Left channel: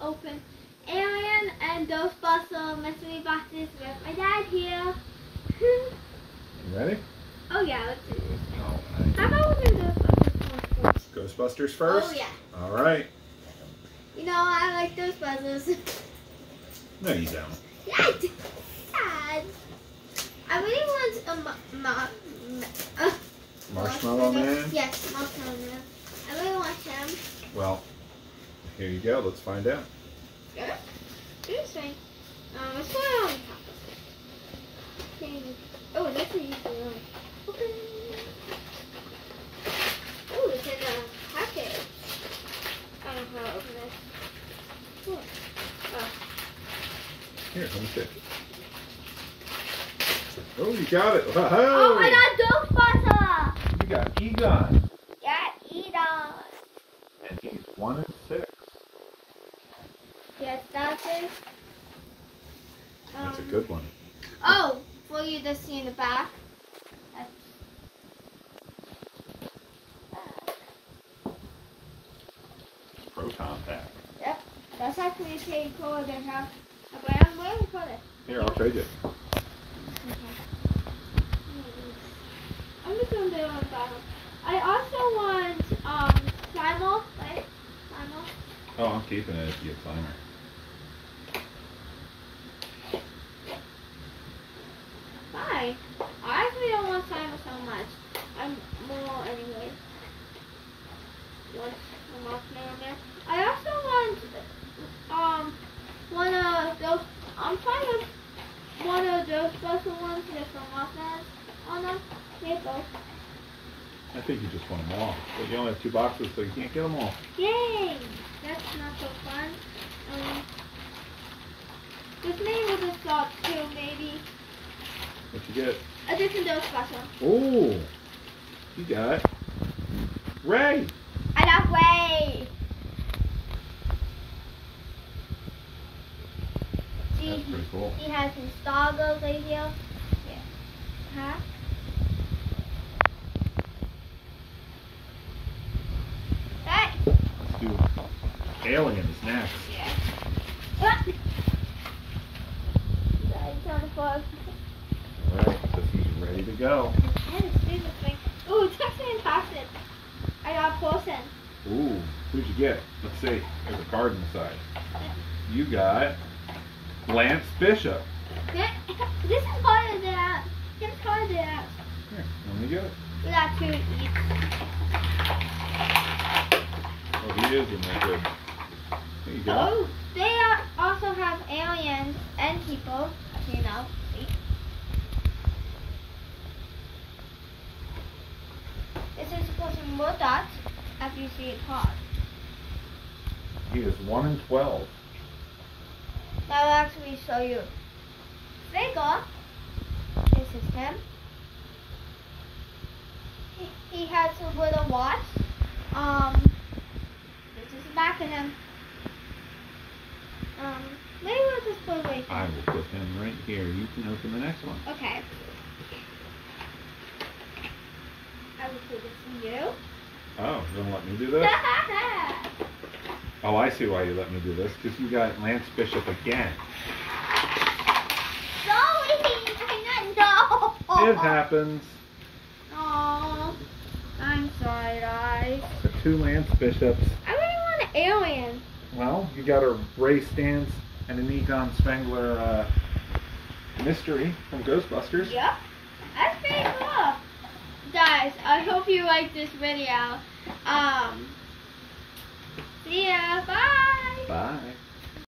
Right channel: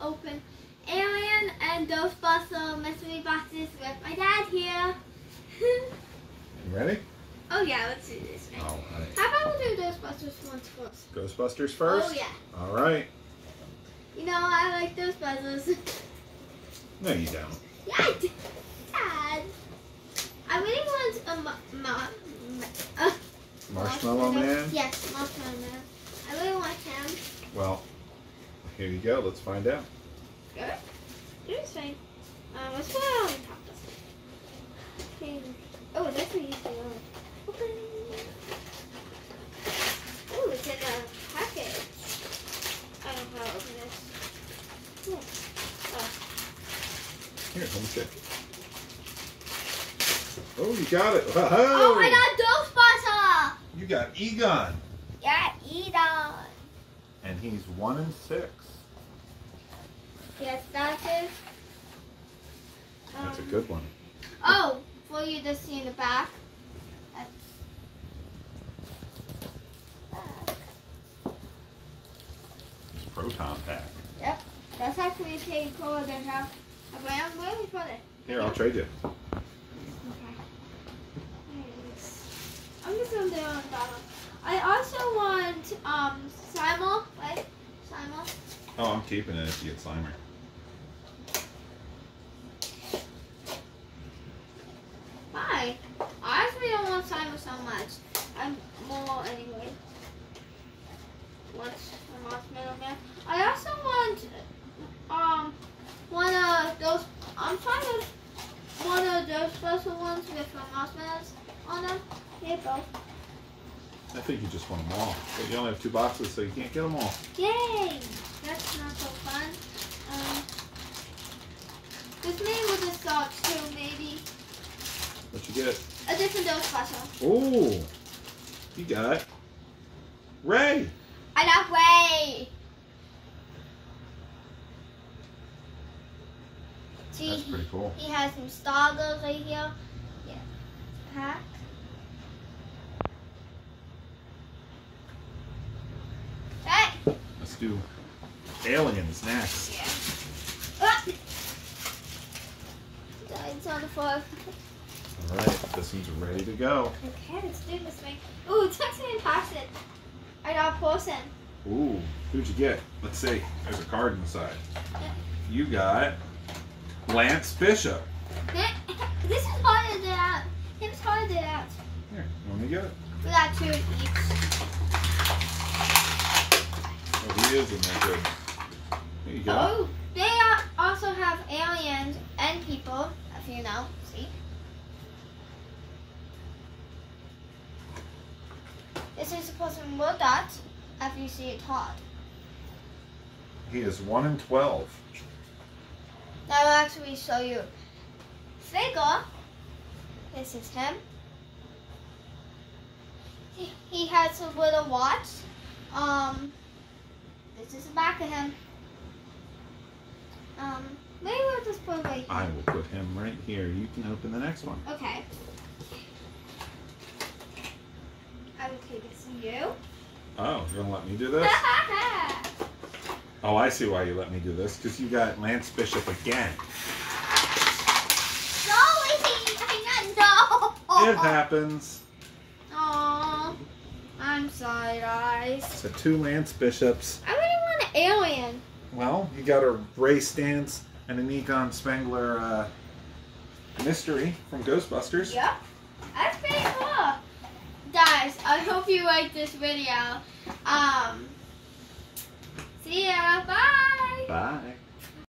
open Alien and Ghostbusters mystery boxes with my dad here. You ready? Oh yeah, let's do this. All right. How about we do Ghostbusters once first? Ghostbusters first? Oh yeah. All right. You know I like Ghostbusters. No, you don't. Yeah, I did. Dad. I really want a Marshmallow Man? Yes, Marshmallow Man. I really want him. Well, here you go. Let's find out. Really? Interesting. Let's put it on the top. Okay. Oh, that's an easy one. Okay. Oh, it's in a package. I don't know how to open this. Oh. Here, let me see. Oh, you got it. Whoa. Oh my God, Ghostbuster! You got Egon. Yeah, Egon. And he's 1 and 6. Yes, that's it. That's a good one. Oh, for you to see in the back. Proton pack. Yep, that's actually pretty cool. They have. But I'm waiting for it. Here, I'll trade you. Okay. I'm just gonna do it on the bottom. I also want Simon, right? Simon. Oh, I'm keeping it if you get Slimer. Fine. I actually don't want Simon so much. I'm more anyway. Once I'm off Man. I also want one of those. I'm fine with one of those special ones with the marshmallows on them. They both. I think you just want them all. But you only have 2 boxes, so you can't get them all. Yay! That's not so fun. With me with the socks too, maybe. What you get? A different Ghostbuster. Oh, you got Ray. I love Ray. See, That's pretty cool. he has some stargirls right here. Yeah. Huh? Hey. Let's do Aliens next. Yeah. Ah. It's on the floor. All right, this one's ready to go. Okay, let's do this thing. Ooh, text me and pass it. I got a person. Ooh, who'd you get? Let's see. There's a card inside. You got Lance Bishop. This is harder than that. It's harder than that. Here, let me get it. We got 2 each. Oh, he is in there good. There you go. Oh, they also have aliens and people, as you know. See? This is supposed to be more dots after you see it hard. He is 1 and 12. Now I'll actually show you. Sega, this is him. He has a little watch. This is the back of him. Maybe we'll just put right here. I will put him right here. You can open the next one. Okay. I will put this in you. Oh, you're going to let me do this? Oh, I see why you let me do this. Because you got Lance Bishop again. No! It happens. Aw, I'm sorry, guys. So 2 Lance Bishops. I really want an alien. Well, you got a Ray Stantz and an Egon Spengler mystery from Ghostbusters. Yep. That's pretty cool. Guys, I hope you liked this video. See ya. Bye. Bye.